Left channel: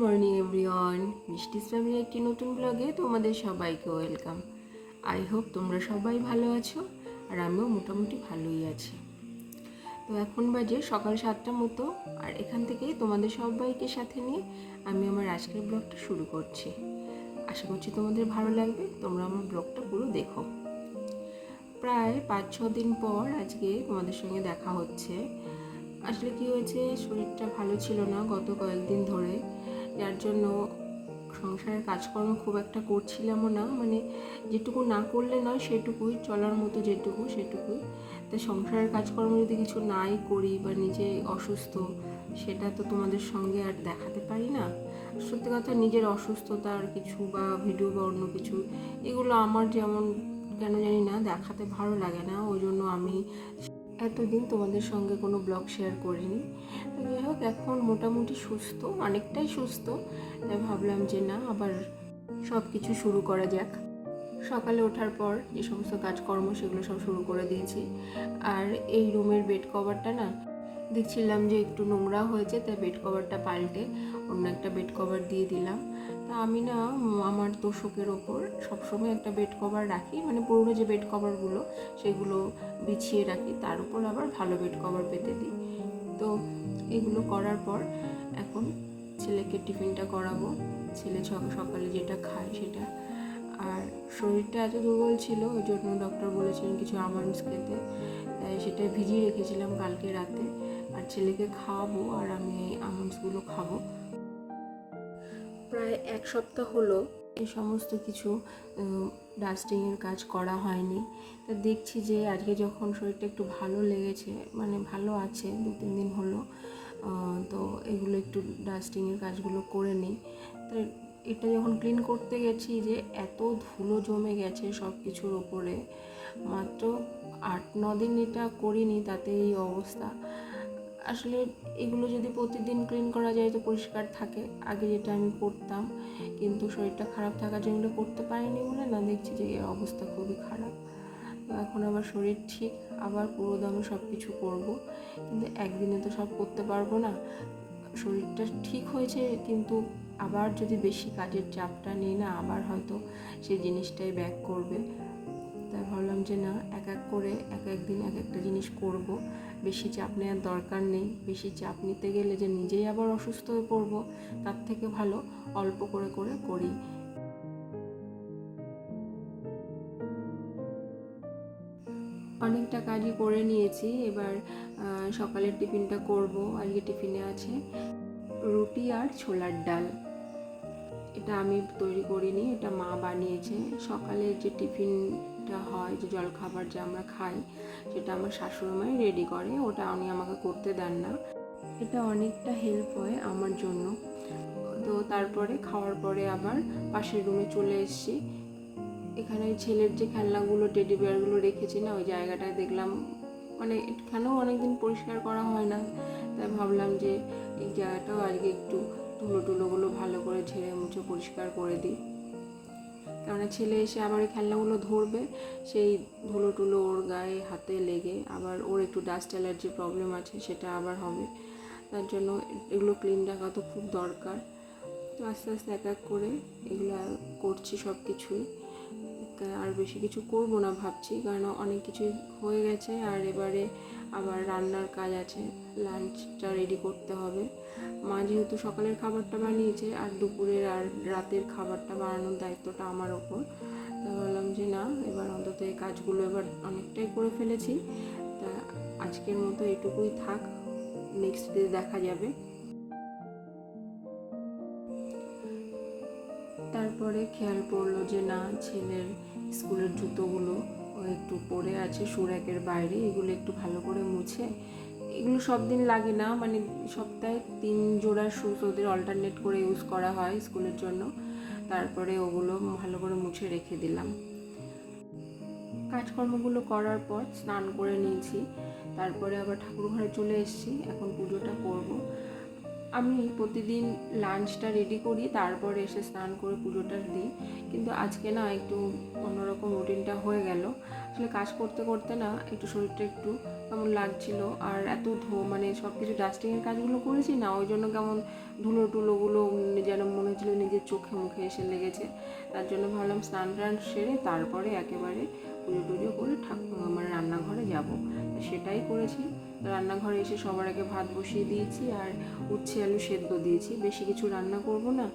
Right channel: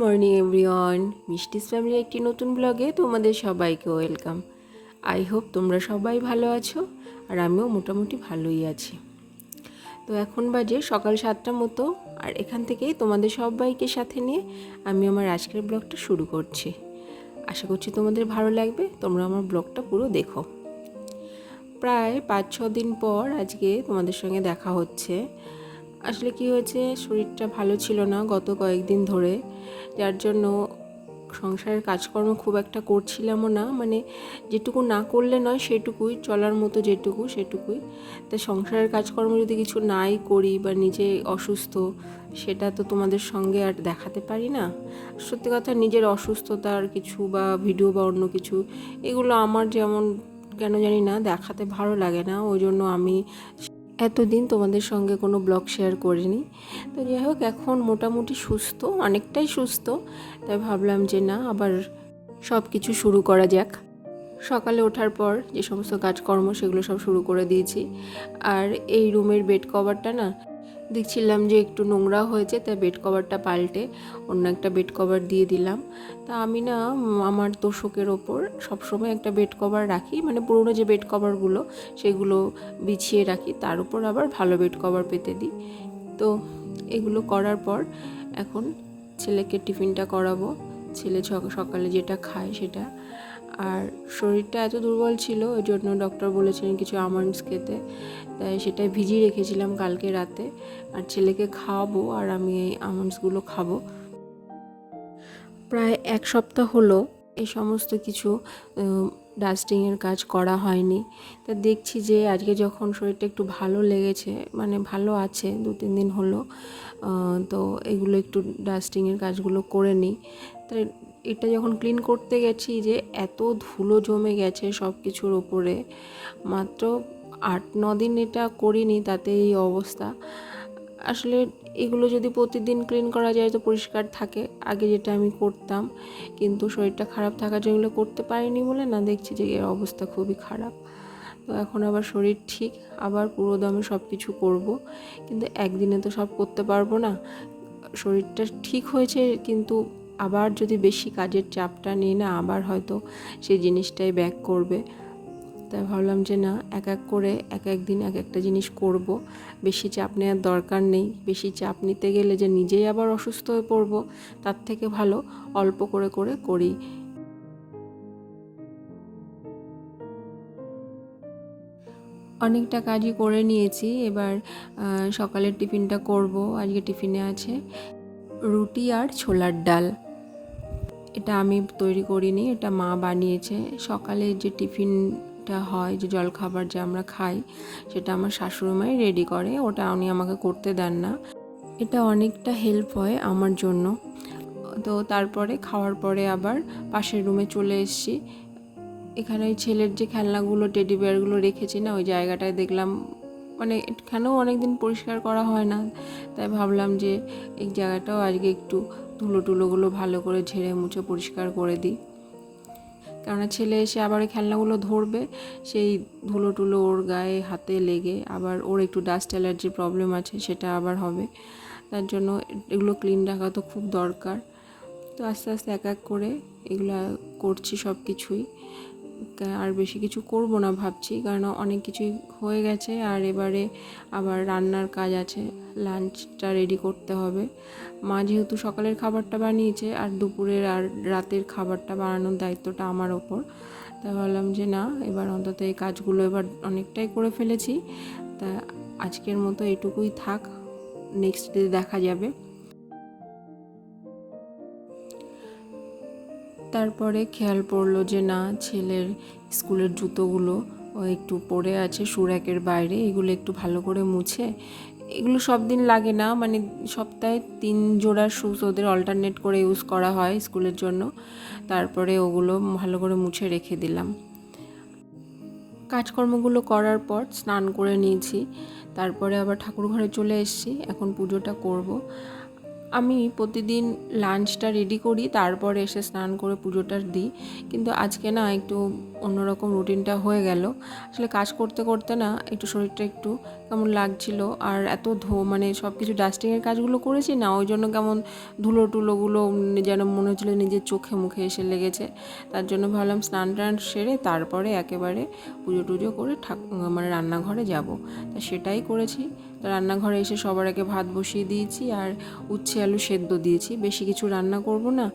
Morning everyone, মিষ্টিস family একটি নতুন ব্লগে তোমাদের সবাইকে ওয়েলকাম। আই হোপ তোমরা সবাই ভালো আছো, আর আমিও মোটামুটি ভালোই আছি। তো এখন বাজে সকাল 7টার মতো, আর এখান থেকেই তোমাদের সবাইকে সাথে নিয়ে আমি আমার আজকের ব্লগটা শুরু করছি। আশা করছি তোমাদের ভালো লাগবে, তোমরা আমার ব্লগটা পুরো দেখো। প্রায় 5-6 দিন পর আজকে তোমাদের সঙ্গে দেখা হচ্ছে। আসলে কি হয়েছে, শরীরটা ভালো ছিল না গত কয়েকদিন ধরে, যার জন্য সংসারের কাজকর্ম খুব একটা করছিলামও না। মানে যেটুকু না করলে নয় সেটুকুই, চলার মতো যেটুকু সেটুকুই। তাই সংসারের কাজকর্ম যদি কিছু নাই করি বা নিজে অসুস্থ, সেটা তো তোমাদের সঙ্গে আর দেখাতে পারি না। সত্যি কথা, নিজের অসুস্থতার কিছু বা ভিডিও বা অন্য কিছু, এগুলো আমার যেমন কেন জানি না দেখাতে ভালো লাগে না। ওই জন্য আমি এতদিন তোমাদের সঙ্গে কোনো ব্লগ শেয়ার করিনি। তো যাই হোক, এখন মোটামুটি সুস্থ, অনেকটাই সুস্থ। তাই ভাবলাম যে না, আবার সব কিছু শুরু করা যাক। সকালে ওঠার পর যে সমস্ত কাজকর্ম সেগুলো সব শুরু করে দিয়েছি। আর এই রুমের বেড কভারটা না দেখছিলাম যে একটু নোংরা হয়েছে, তাই বেড কভারটা পাল্টে অন্য একটা বেড কভার দিয়ে দিলাম। তা আমি না আমার তোষকের ওপর সবসময় একটা বেড কভার রাখি, মানে পুরোনো যে বেড কভারগুলো সেগুলো বিছিয়ে রাখি, তার উপর আবার ভালো বেড কভার পেতে দিই। তো এগুলো করার পর এখন ছেলেকে টিফিনটা করাবো। ছেলে সকালে যেটা খায় সেটা। আর শরীরটা এত দুর্বল ছিল, ওই জন্য ডক্টর বলেছিলেন কিছু আমন্ডস খেতে, তাই সেটাই ভিজিয়ে রেখেছিলাম কালকে রাতে। আর ছেলেকে খাওয়াবো আর আমি এই আমন্ডসগুলো খাবো। প্রায় 1 সপ্তাহ হলো এই সমস্ত কিছু ডাস্টিংয়ের কাজ করা হয়নি। তা দেখছি যে আজকে যখন শরীরটা একটু ভালো লেগেছে, মানে ভালো আছে, 2-3 দিন হলো, তো এগুলো একটু ডাস্টিংয়ের কাজগুলো করে নিই। তাই এটা যখন ক্লিন করতে গেছি, যে এত ধুলো জমে গেছে সব কিছুর ওপরে। মাত্র 8-9 দিন এটা করিনি, তাতে এই অবস্থা। আসলে এগুলো যদি প্রতিদিন ক্লিন করা যায় তো পরিষ্কার থাকে, আগে যেটা আমি করতাম। কিন্তু শরীরটা খারাপ থাকার জন্য এগুলো করতে পারিনি বলে না, দেখছি যে এর অবস্থা খুবই খারাপ। তো এখন আবার শরীর ঠিক, আবার পুরো দমে সব কিছু করবো, কিন্তু একদিনে তো সব করতে পারবো না। শরীরটা ঠিক হয়েছে, কিন্তু আবার যদি বেশি কাজের চাপটা নিই না, আবার হয়তো সেই জিনিসটাই ব্যাক করবে। তাই ভাবলাম যে না, এক এক করে এক এক দিন এক একটা জিনিস করব। বেশি চাপ নেওয়ার দরকার নেই। বেশি চাপ নিতে গেলে যে নিজেই আবার অসুস্থ হয়ে পড়বো, তার থেকে ভালো অল্প করে করে করি। অনেকটা কাজই করে নিয়েছি, এবার সকালের টিফিনটা করব। আজকে টিফিনে আছে রুটি আর ছোলার ডাল। এটা আমি তৈরি করিনি, এটা মা বানিয়েছে। সকালে যে টিফিনটা হয়, যে জলখাবার যে আমরা খাই, সেটা আমার শাশুড়িমাই রেডি করে, ওটা উনি আমাকে করতে দেন না। এটা অনেকটা হেল্প হয় আমার জন্য। তো তারপরে খাওয়ার পরে আবার পাশের রুমে চলে এসেছি। এখানে ছেলের যে খেলনাগুলো, টেডি বিয়ারগুলো রেখেছি না, ওই জায়গাটায় দেখলাম, মানে এখানেও অনেকদিন পরিষ্কার করা হয় না, তাই ভাবলাম যে এই জায়গাটাও আজকে একটু ধুলোগুলো ভালো করে ঝেড়ে মুছে পরিষ্কার করে দিই। কেননা ছেলে এসে আবার ওই খেলনাগুলো ধরবে, সেই ধুলো ওর গায়ে হাতে লেগে আবার ওর একটু ডাস্ট অ্যালার্জির প্রবলেম আছে, সেটা আবার হবে। তার জন্য এগুলো ক্লিন রাখা তো খুব দরকার। তো আস্তে আস্তে এক এক করে এগুলো করছি সব কিছুই। আর বেশি কিছু করব না ভাবছি, কারণ অনেক কিছুই হয়ে গেছে। আর এবারে আবার রান্নার কাজ আছে, লাঞ্চটা রেডি করতে হবে। মা যেহেতু সকালের খাবারটা বানিয়েছে, আর দুপুরের আর রাতের খাবারটা বানানোর দায়িত্বটা আমার ওপর। তাই ভাবলাম যে না, এবার অন্তত এই কাজগুলো এবার অনেকটাই করে ফেলেছি, তা আজকের মতো এটুকুই থাক, নেক্সট ডে দেখা যাবে। তারপরে খেয়াল পড়লো যে না, ছেলের স্কুলের জুতোগুলো একটু পড়ে আছে সুরাকের বাইরে, এগুলো একটু ভালো করে মুছে, এগুলো সব দিন লাগে না, মানে সপ্তাহে 3 জোড়া শুজ ওদের অল্টারনেট করে ইউজ করা হয় স্কুলের জন্য। তারপরে ওগুলো ভালো করে মুছে রেখে দিলাম। কাজকর্মগুলো করার পর স্নান করে নিয়েছি, তারপরে আবার ঠাকুর ঘরে চলে এসেছি, এখন পুজোটা করব। আমি প্রতিদিন লাঞ্চটা রেডি করি, তারপরে এসে স্নান করে পুজোটা দিই, কিন্তু আজকে না একটু অন্যরকম রুটিনটা হয়ে গেল। আসলে কাজ করতে করতে না একটু শরীরটা একটু কেমন লাগছিল, আর এত মানে সব কিছু ডাস্টিংয়ের কাজগুলো করেছি না, ওই জন্য কেমন ধুলো টুলোগুলো যেন মনে হচ্ছিল নিজের চোখে মুখে এসে লেগেছে। তার জন্য ভাবলাম স্নান টান সেরে তারপরে একেবারে পুজো টুজো করে মানে রান্নাঘরে যাব। তা সেটাই করেছি। রান্নাঘরে এসে সবার আগে ভাত বসিয়ে দিয়েছি আর উচ্ছে আলু সেদ্ধ দিয়েছি। বেশি কিছু রান্না করব না,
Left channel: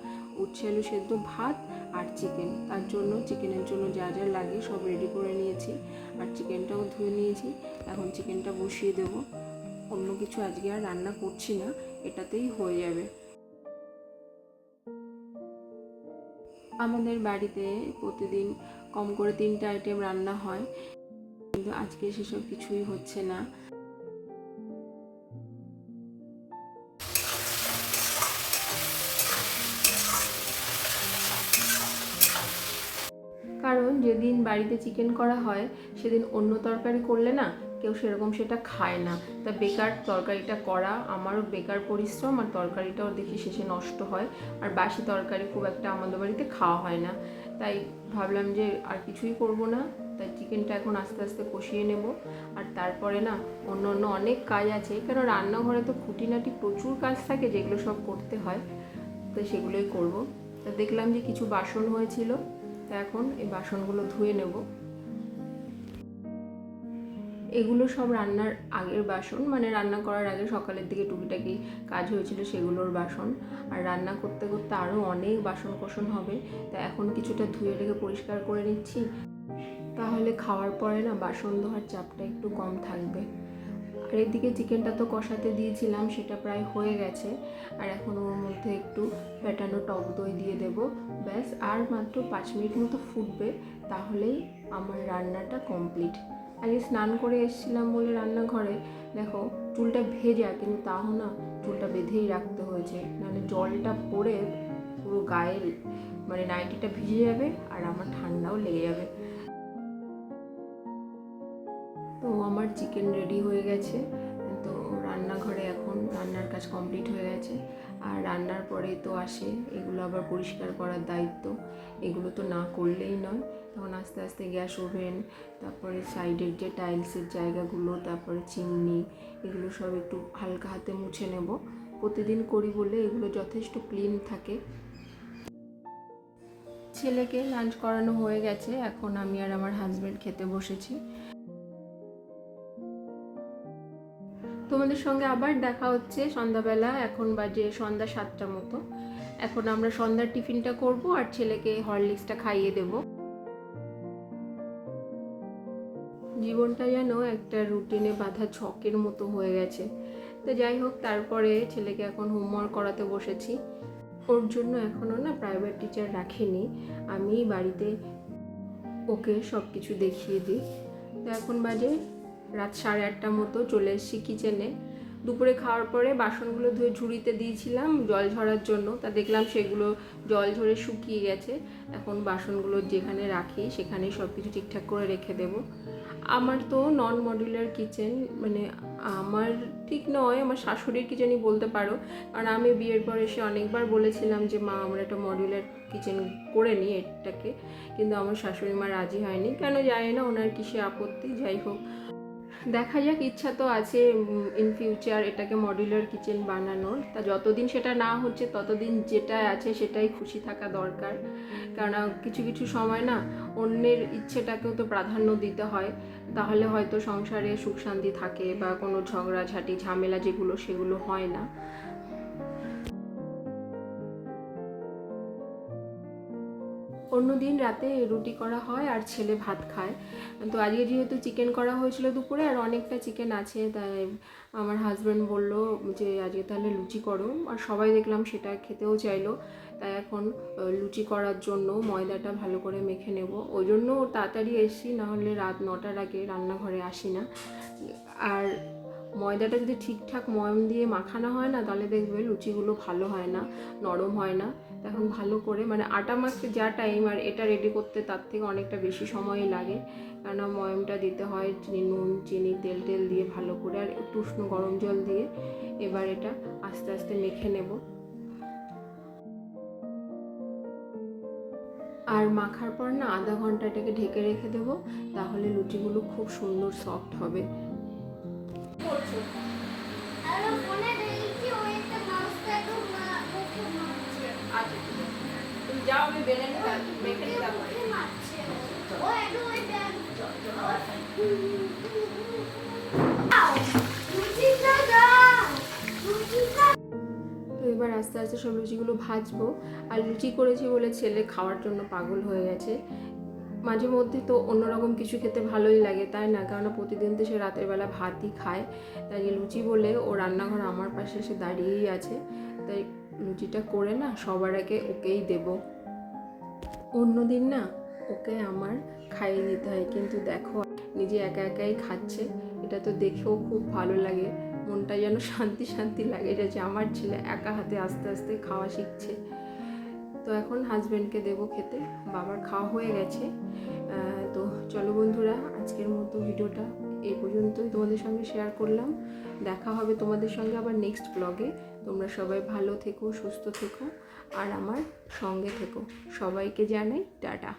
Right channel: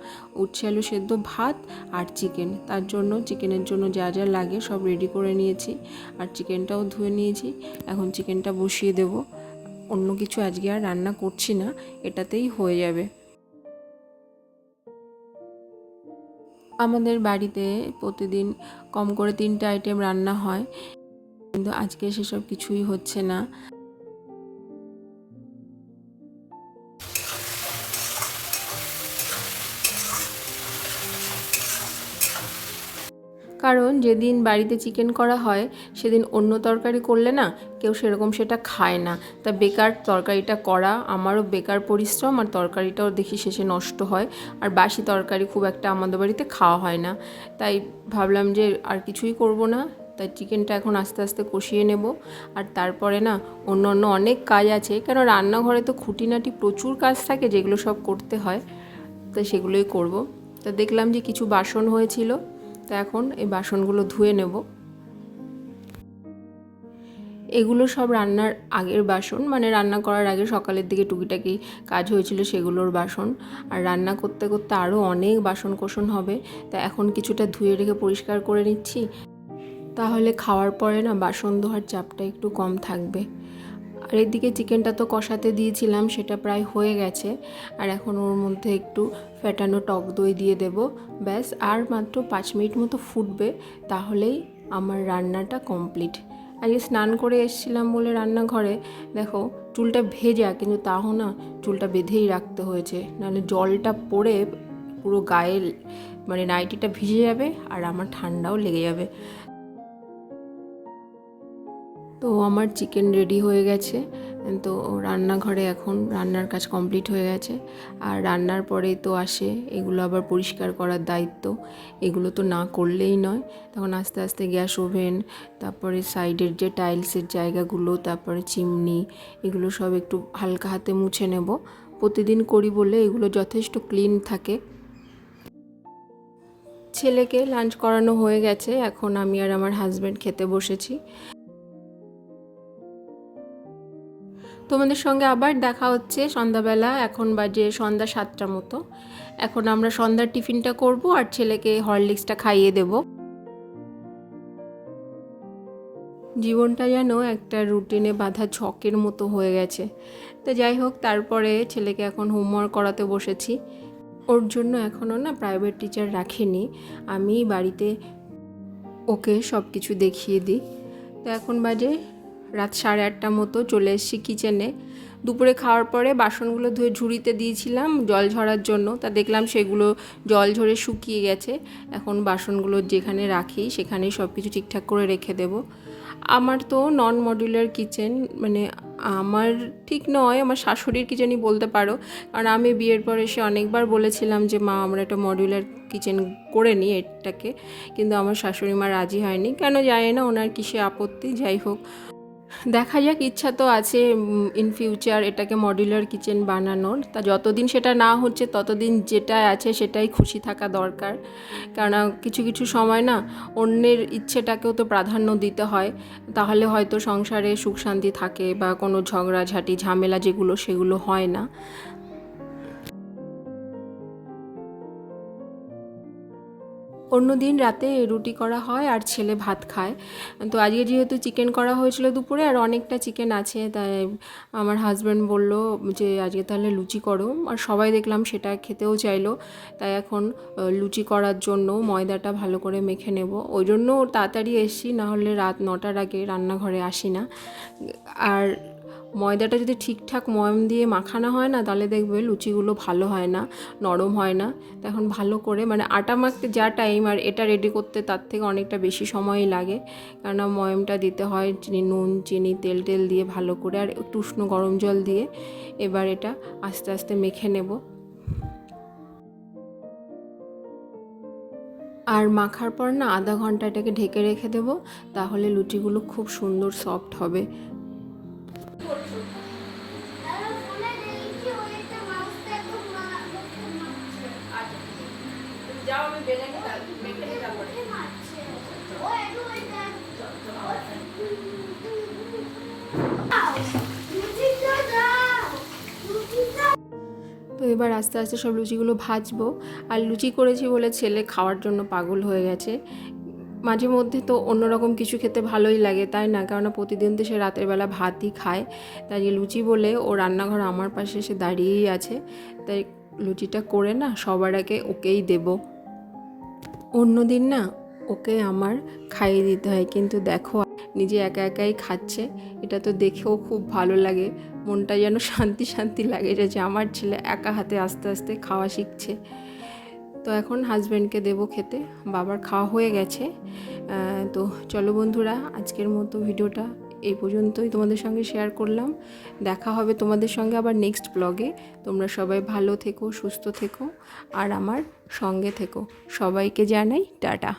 উচ্ছে আলু সেদ্ধ, ভাত আর চিকেন। তার জন্য চিকেনের জন্য যা যা লাগে সব রেডি করে নিয়েছি, আর চিকেনটাও ধুয়ে নিয়েছি। এখন চিকেনটা বসিয়ে দেব। অন্য কিছু আজকে আর রান্না করছি না, এটাতেই হয়ে যাবে। আমাদের বাড়িতে প্রতিদিন কম করে 3টা আইটেম রান্না হয়, কিন্তু আজকে সেসব কিছুই হচ্ছে না। কারণ যেদিন বাড়িতে চিকেন করা হয় সেদিন অন্য তরকারি করলে না কেউ সেরকম সেটা খায় না। তা বেকার তরকারিটা করা, আমারও বেকার পরিশ্রম, আর তরকারিটাও দেখি শেষে নষ্ট হয়। আর বাসি তরকারি খুব একটা আমাদের বাড়িতে খাওয়া হয় না, তাই ভাবলাম যে আর কিছুই করব না। তাই চিকেনটা এখন আস্তে আস্তে কষিয়ে নেব। আর তারপরে না অন্য অন্য অনেক কাজ আছে, কেন রান্নাঘরে তো খুঁটিনাটি প্রচুর কাজ থাকে যেগুলো সব করতে হয়, তো সেগুলোই করব। তো দেখলাম যে কিছু বাসন হয়েছিল, তা এখন এই বাসনগুলো ধুয়ে নেব। এগুলো সব রান্নার আগের বাসন, মানে রান্না করার আগে সকালের দিকে টুকিটাকি কাজ হয়েছিল সেগুলোর বাসন। আর রান্না করতে করতে আরও অনেক বাসন কোসন হবে, তা এখন কিছুটা ধুয়ে রেখে পরিষ্কার করে নিচ্ছি, তাহলে খাওয়ার পরে না বাসন ধোয়ার চাপটা একটু কম থাকবে। আর এদিকে চিকেনটা তো কষাতে দিয়েছিলাম, সেটা প্রায় হয়ে গেছে। আর এখন ওর মধ্যে একটু ফেটানো টক দই দিয়ে দেব। ব্যাস আর মাত্র 5 মিনিট মতো ফুটবে, তাহলেই আমার রান্নাটা কমপ্লিট। আজকে স্নান করে এসেছিলাম বলে রান্নাঘরে দেখো চুলটা ভেজা, কিন্তু তাও না চুলটা বেঁধেই রাখতে হয়েছে, নাহলে জলটা পড়ে পুরো গায়ে মানে নাইটিটা ভিজে যাবে আর আমার ঠান্ডাও লেগে যাবে। তো আমার চিকেন রেডি হয়ে গেছে। তো রান্নাঘরে এখন রান্নার কাজ কমপ্লিট হয়ে গেছে। আর রান্নার পরে তো আসে এগুলো আবার পরিষ্কার করার দায়িত্ব, এগুলো তো না করলেই নয়। তখন আস্তে আস্তে গ্যাস ওভেন, তারপরে সাইডের যে টাইলসের জায়গাগুলো, তারপরে চিমনি, এগুলো সব একটু হালকা হাতে মুছে নেব। প্রতিদিন করি বলে এগুলো যথেষ্ট ক্লিন থাকে। ছেলেকে লাঞ্চ করানো হয়ে গেছে, এখন আমি আর আমার হাজব্যান্ড খেতে বসেছি। তোমাদের সঙ্গে আবার দেখা হচ্ছে সন্ধ্যাবেলা। এখন বাজে সন্ধ্যা 7টার মতো। এখন আমরা সন্ধ্যার টিফিনটা করব আর ছেলেকে হরলিক্সটা খাইয়ে দেব। জীবনটা যেন একটা রুটিনে বাঁধা ছকের মতো হয়ে গেছে। তো যাই হোক, তারপরে ছেলেকে এখন হোমওয়ার্ক করাতে বসেছি। ওর জন্য এখনও না প্রাইভেট টিচার রাখিনি, আমি বাড়িতে ওকে সব কিছু দেখিয়ে দিই। তো এখন বাজে রাত 8:30টার মতো। চলে এসেছি কিচেনে। দুপুরে খাওয়ার পরে বাসনগুলো ধুয়ে ঝুড়িতে দিয়েছিলাম জল ঝরার জন্য, তা দেখলাম সেগুলো জল ঝরে শুকিয়ে গেছে। এখন বাসনগুলো যেখানে রাখি সেখানেই সব কিছু ঠিকঠাক করে রেখে দেব। আমার তো নন মডিউলার কিচেন, মানে আমার ঠিক নয়, আমার শাশুড়ির কিচেনই বলতে পারো। কারণ আমি বিয়ের পর এসে অনেকবার বলেছিলাম যে মা আমরা একটা মডিউলার কিচেন করে নিই এটাকে, কিন্তু আমার শাশুড়ি মা রাজি হয়নি, কেন জানি না, ওনার কিসে আপত্তি। যাই হোক, দেখা যাক, ইচ্ছা তো আছে ইন ফিউচার এটাকে মডিউলার কিচেন বানানোর। তা যতদিন সেটা না হচ্ছে ততদিন যেটা আছে সেটাই খুশি থাকা দরকার। কেননা কিছু কিছু সময় না অন্যের ইচ্ছেটাকেও তো প্রাধান্য দিতে হয়, তাহলে হয়তো সংসারে সুখ শান্তি থাকে বা কোনো ঝগড়াঝাটি ঝামেলা যেগুলো সেগুলো হয় না। অন্য দিন রাতে রুটি করা হয় আর ছেলে ভাত খায়। তো আজকে যেহেতু চিকেন করা হয়েছিল দুপুরে আর অনেকটা চিকেন আছে, তাই আমার হাজব্যান্ড বলল যে আজকে তাহলে লুচি করো, আর সবাই দেখলাম সেটা খেতেও চাইলো। তাই এখন লুচি করার জন্য ময়দাটা ভালো করে মেখে নেব। ওই জন্য তাড়াতাড়ি এসছি, নাহলে রাত 9টার আগে রান্নাঘরে আসি না। আর ময়দাটা যদি ঠিকঠাক ময়াম দিয়ে মাখানো হয় না, তাহলে দেখবে লুচিগুলো ভালো হয় না, নরম হয় না। তখন ভালো করে মানে আটা মাখতে যা টাইম আর এটা রেডি করতে তার থেকে অনেকটা বেশি সময়ই লাগে, কেননা ময়ামটা দিতে হয় নুন চিনি তেল টেল দিয়ে ভালো করে, আর একটু উষ্ণ গরম জল দিয়ে এবার এটা আস্তে আস্তে মেখে নেব। আর মাখার পর না আধা ঘন্টা এটাকে ঢেকে রেখে দেবো, তাহলে লুচিগুলো খুব সুন্দর সফট হবে। যাও আমি বেলে মেখে নিই তারপরে। তো এবার আস্তে আস্তে সব লুচিগুলো ভাজবো। আর লুচি করেছি বলে ছেলে খাওয়ার জন্য পাগল হয়ে গেছে। মাঝে মধ্যে তো অন্যরকম কিছু খেতে ভালোই লাগে, তাই না? কেননা প্রতিদিন তো সে রাতের বেলা ভাতই খায়, তাই লুচি বলে ও রান্নাঘর আমার পাশে এসে দাঁড়িয়েই আছে। তাই লুচিটা করে না সবার আগে ওকেই দেব। অন্যদিন না ওকে আমার খাইয়ে দিতে হয়, কিন্তু দেখো নিজে একা একাই খাচ্ছে। এটা তো দেখেও খুব ভালো লাগে, মনটা যেন শান্তি শান্তি লাগে যে আমার ছেলে একা হাতে আস্তে আস্তে খাওয়া শিখছে। তো এখন হাজব্যান্ডকে দেবো খেতে, বাবার খাওয়া হয়ে গেছে। তো চলো বন্ধুরা, আজকের মতো ভিডিওটা এই পর্যন্তই তোমাদের সঙ্গে শেয়ার করলাম। দেখা হবে তোমাদের সঙ্গে আবার নেক্সট ব্লগে। তোমরা সবাই ভালো থেকো, সুস্থ থেকো, আর আমার সঙ্গে থেকো। সবাইকে জানাই টাটা।